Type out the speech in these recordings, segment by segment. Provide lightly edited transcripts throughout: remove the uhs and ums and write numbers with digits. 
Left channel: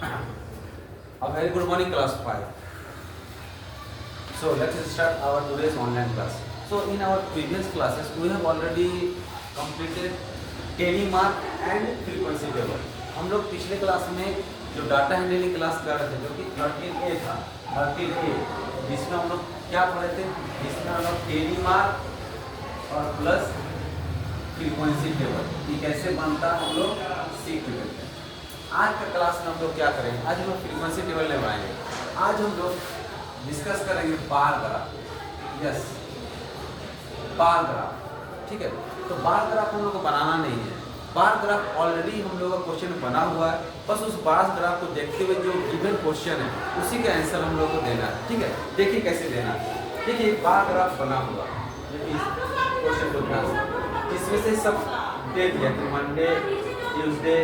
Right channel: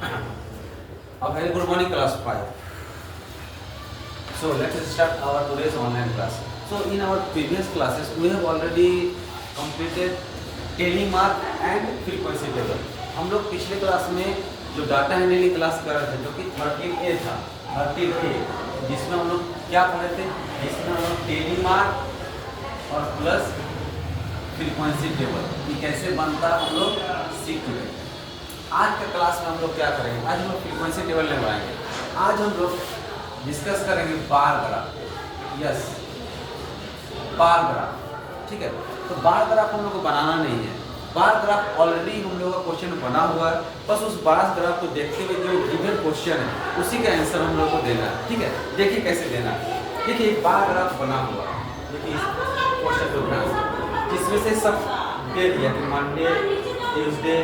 A very good morning, class 5. So let's start our today's online class. So in our previous classes, we have already completed telemark and frequency table. हम लोग पिछले class में जो data handling class कर रहे थे, जो कि 13A था, 13A, जिसमें हम लोग क्या पढ़े थे, जिसमें हम लोग टेलीमार्क और प्लस फ्रीक्वेंसी टेबल ये कैसे बनता है हम लोग सीख चुके थे। आज के क्लास में हम लोग क्या करेंगे, आज हम लोग फ्रीक्वेंसी टेबल लेवाएंगे। आज हम लोग डिस्कस करेंगे bar graph. Yes, bar graph, ठीक है। तो बार ग्राफ हम लोग को बनाना नहीं है, बार ग्राफ ऑलरेडी हम लोग का क्वेश्चन बना हुआ है, बस उस बार ग्राफ को देखते हुए जो गिवन क्वेश्चन है उसी का आंसर हम लोग को देना है, ठीक है। देखिए कैसे देना है। देखिए एक बार ग्राफ बना हुआ है, देखिए इस क्वेश्चन को ध्यान से, इसमें से सब दे दिया कि Monday, Tuesday,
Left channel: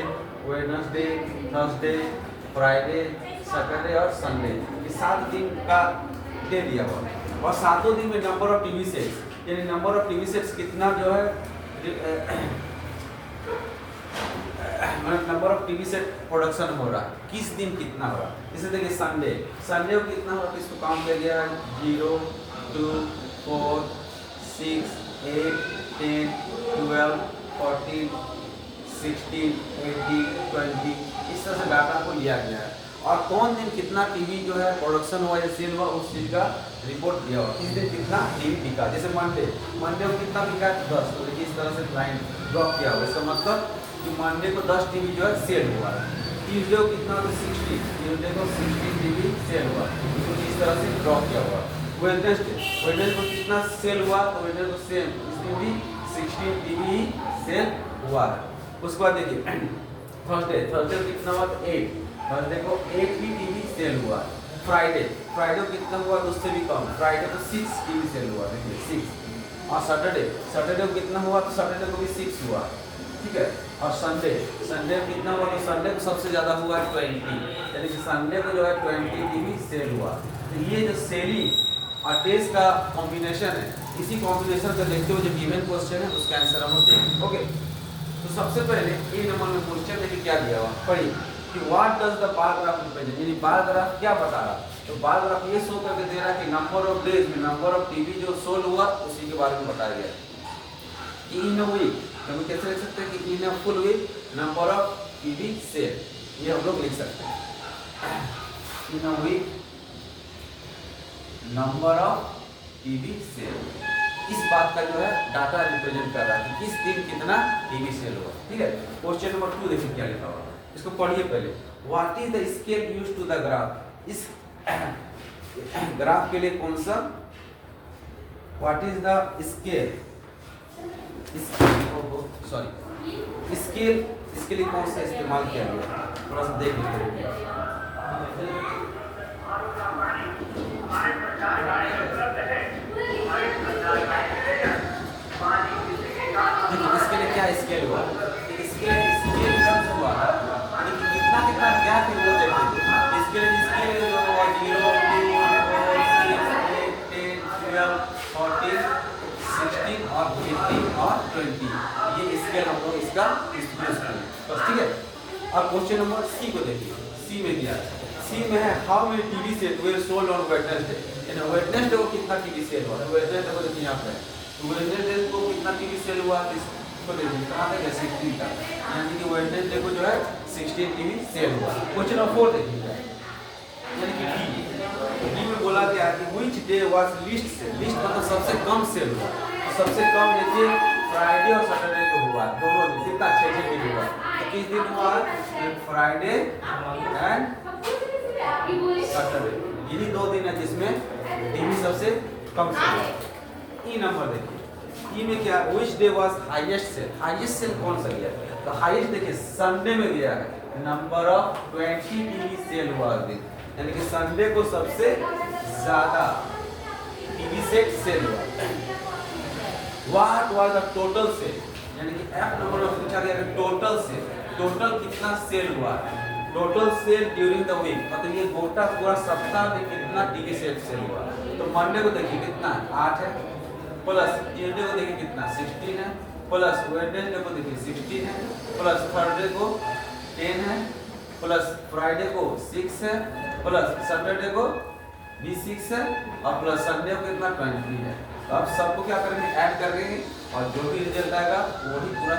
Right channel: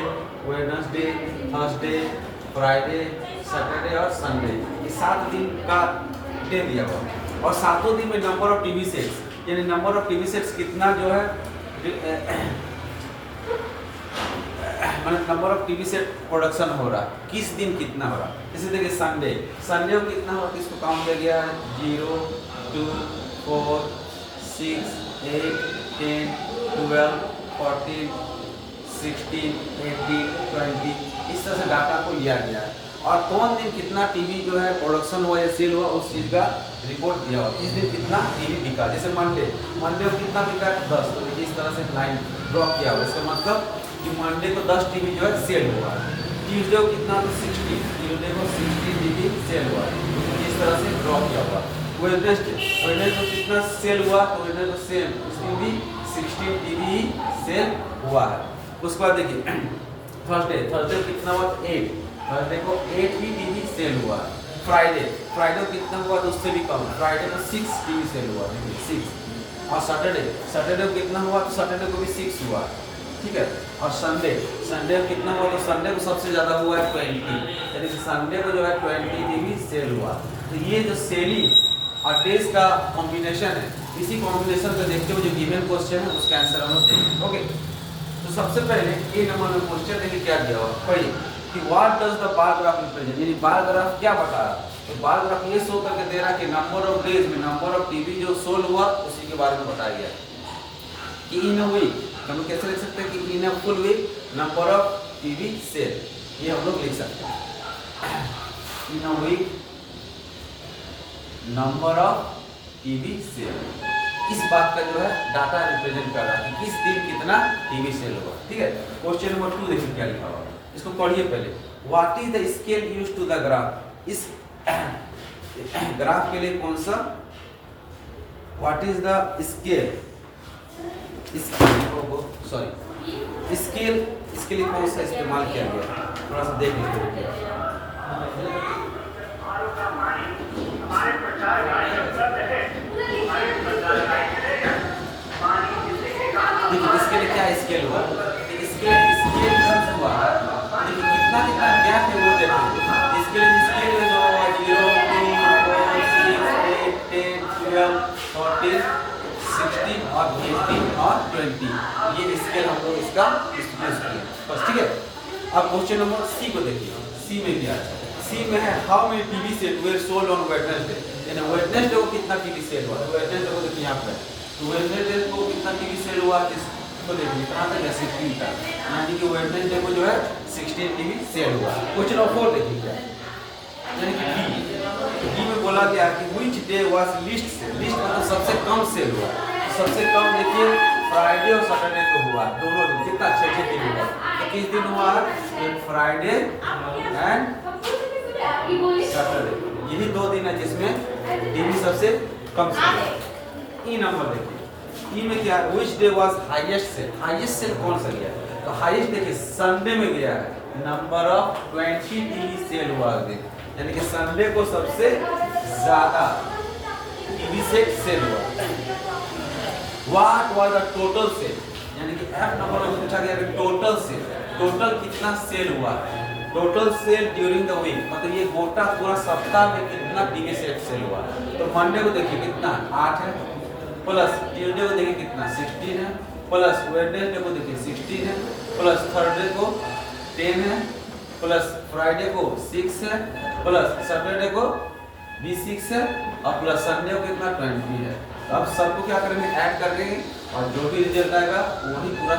Wednesday, Thursday, Friday, Saturday और संडे, ये 7 दिन का दे दिया हुआ। और 7 दिन में नंबर ऑफ टीवी सेट्स, यानी नंबर ऑफ टीवी सेट्स कितना जो है, मतलब number of TV set production हो रहा है, किस दिन कितना हो रहा है। जैसे देखिए संडे, संडे को कितना हो, इसको काउंट किया गया 0, 2, 4, 6, 8, 10, 12, 14, 16, 18, 20, इस तरह से डाटा को लिया गया है। और कौन दिन कितना टीवी जो है प्रोडक्शन हुआ या सेल हुआ उस चीज़ का रिपोर्ट दिया हुआ। इस दिन कितना टीवी बिका, जैसे मंडे को कितना बिका 10, तो इस तरह से लाइन ड्रॉ किया हुआ। इसका मतलब कि मंडे को 10 टीवी जो है सेल हुआ है। ट्यूसडे को कितना, तो 60, ट्यूसडे को 60 टीवी सेल हुआ, तो इस तरह से ड्रॉ किया हुआ। वेडनेसडे को कितना सेल हुआ, तो वेडनेसडे को सेम, इसमें भी 16 टीवी सेल हुआ है। उसके बाद देखिए थर्सडे को कितना हुआ, 8, थर्सडे को 8 ही टीवी सेल हुआ। फ्राइडे को कितना हुआ, तो उससे भी कम, फ्राइडे को 6 टीवी सेल हुआ, देखिए 6। और सैटरडे को कितना हुआ, तो सैटरडे को भी 6 हुआ, ठीक है। और संडे को कितना हुआ, तो संडे को सबसे ज़्यादा हुआ है 20, यानी कि संडे को जो है 20 टीवी सेल हुआ। तो ये जो सेलिंग और डेज का कॉम्बिनेशन है, इसी कॉम्बिनेशन को देखते हुए जो गिवन क्वेश्चन है उसका आंसर हम लोग देंगे। ओके, तो सबसे पहले ए नंबर में क्वेश्चन देखिए क्या दिया हुआ, पढ़िए कि what does the bar graph represent, यानी बार ग्राफ क्या बता रहा। तो बार ग्राफ ये शो करके दे रहा है कि नंबर ऑफ डेज में नंबर ऑफ टीवी जो सोल हुआ उसी के बारे में बताया गया कि इन अ वीक, हम कैसे लिख सकते हैं कि in a full week number of TV sale, ये हम लोग लिख सकते हैं। In a week number of TV sale, इस बात का जो है डाटा रिप्रेजेंट कर रहा है कि किस दिन कितना टीवी सेल हुआ, ठीक है। क्वेश्चन नंबर 2 देखिए क्या लिखा हुआ, इसको पढ़िए पहले। What is the scale used to the graph, इस ग्राफ के लिए कौन सा, what is the scale, sorry scale, इसके लिए कौन सा इस्तेमाल किया गया, थोड़ा सा देख लीजिए। देखिए इसके लिए क्या स्केल हुआ, स्केल यूज हुआ है, देखिए कितना कितना गैप है वो देखिए। इसके लिए स्केल जो 0, 2, 4, 6, 8, 10, 12, 14, 16 और 18 और 20, ये स्केल हम लोग इसका यूज किया बस, ठीक है। अब क्वेश्चन नंबर सी को देखिए, सी में क्या है, सी में है how many TV set were sold on Wednesday, यानी वेडनेसडे को कितना टीवी सेल हुआ, वेडनेसडे को देखिए यहाँ पे, तो वेडनेसडे को कितना टीवी सेल हुआ, इसको देखिए कहाँ तक है 16 का, यानी कि वेडनेसडे को जो है 16 टीवी सेल हुआ। क्वेश्चन नंबर 4 देखिए क्या, यानी कि डी में बोला गया कि which day was least sale, least मतलब सबसे कम सेल हुआ, तो सबसे कम देखिए फ्राइडे और सैटरडे को हुआ, दोनों दिन कितना 6 टीवी हुआ। तो किस दिन हुआ, फ्राइडे एंड सैटरडे, यही 2 दिन है जिसमें टीवी सबसे कम सेल हुआ। ई नंबर देखिए, ई में क्या, which day was highest sale, highest sale कौन सा गया, तो हाईएस्ट देखिए संडे में गया है, नंबर ऑफ 20 टीवी सेल हुआ दिन, यानी कि संडे को सबसे ज्यादा टीवी सेल हुआ। What was the total sale, यानी कि एफ नंबर में पूछा गया कि टोटल सेल, टोटल कितना सेल हुआ, total sale during the week, मतलब ये गोटा पूरा सप्ताह में कितना टीवी सेल हुआ। तो मंडे को देखिए कितना 8 है, प्लस ट्यूसडे को देखिए कितना 16 है, प्लस वेडनेसडे को देखिए 16 है, प्लस थर्सडे को 10 है, प्लस फ्राइडे को 6 है, प्लस सैटरडे को भी 6 है, और प्लस संडे को कितना 20 है। तो अब सबको क्या करेंगे, ऐड कर देंगे, और जो भी रिजल्ट आएगा वही पूरा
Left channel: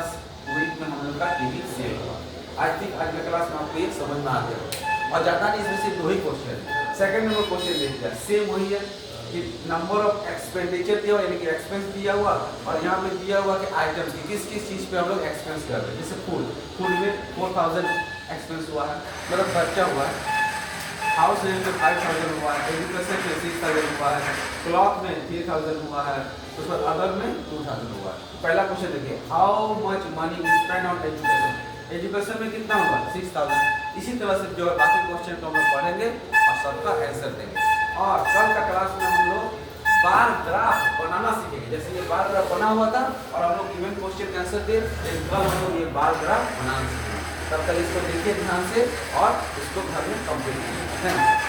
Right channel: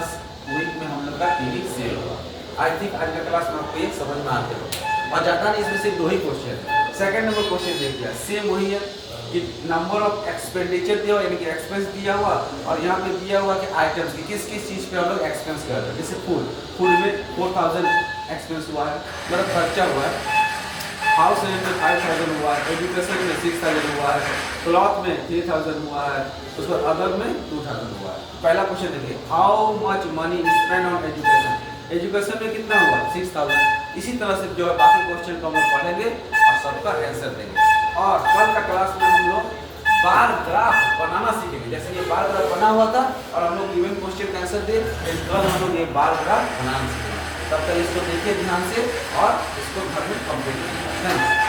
वीक में हम लोग का टीवी सेव होगा। आई थिंक आज का क्लास में आपको ये समझ में आ गया, और ज़्यादा नहीं, इसमें सिर्फ 2 ही क्वेश्चन है। सेकंड नंबर क्वेश्चन देख लिया, सेम वही है कि नंबर ऑफ एक्सपेंडिचर दिया हुआ, यानी कि एक्सपेंस दिया हुआ, और यहाँ पे दिया हुआ कि आइटम्स की किस किस चीज़ पे हम लोग एक्सपेंस कर रहे हैं। जैसे फूड में 4000 एक्सपेंस हुआ है, मतलब खर्चा हुआ है। हाउस रेंट में 5000 हुआ है, एजुकेशन में 6000 हुआ है, क्लॉथ में 3000 हुआ है, उस पर अदर में 2000 हुआ है। तो पहला क्वेश्चन देखिए, how much money spend on education. Education में कितना हुआ, 6000। इसी तरह से जो है बाकी क्वेश्चन को हम लोग पढ़ेंगे और सबका आंसर देंगे। और कल का क्लास में हम लोग बार ग्राफ बनाना सीखेंगे। जैसे ये बार ग्राफ बना हुआ था और हम लोग गिवन क्वेश्चन का आंसर दे, कल हम लोग ये बार ग्राफ बनाना सीखेंगे। तब तक इसको देखिए ध्यान से और इसको घर में कंप्लीट कीजिए। Thank you.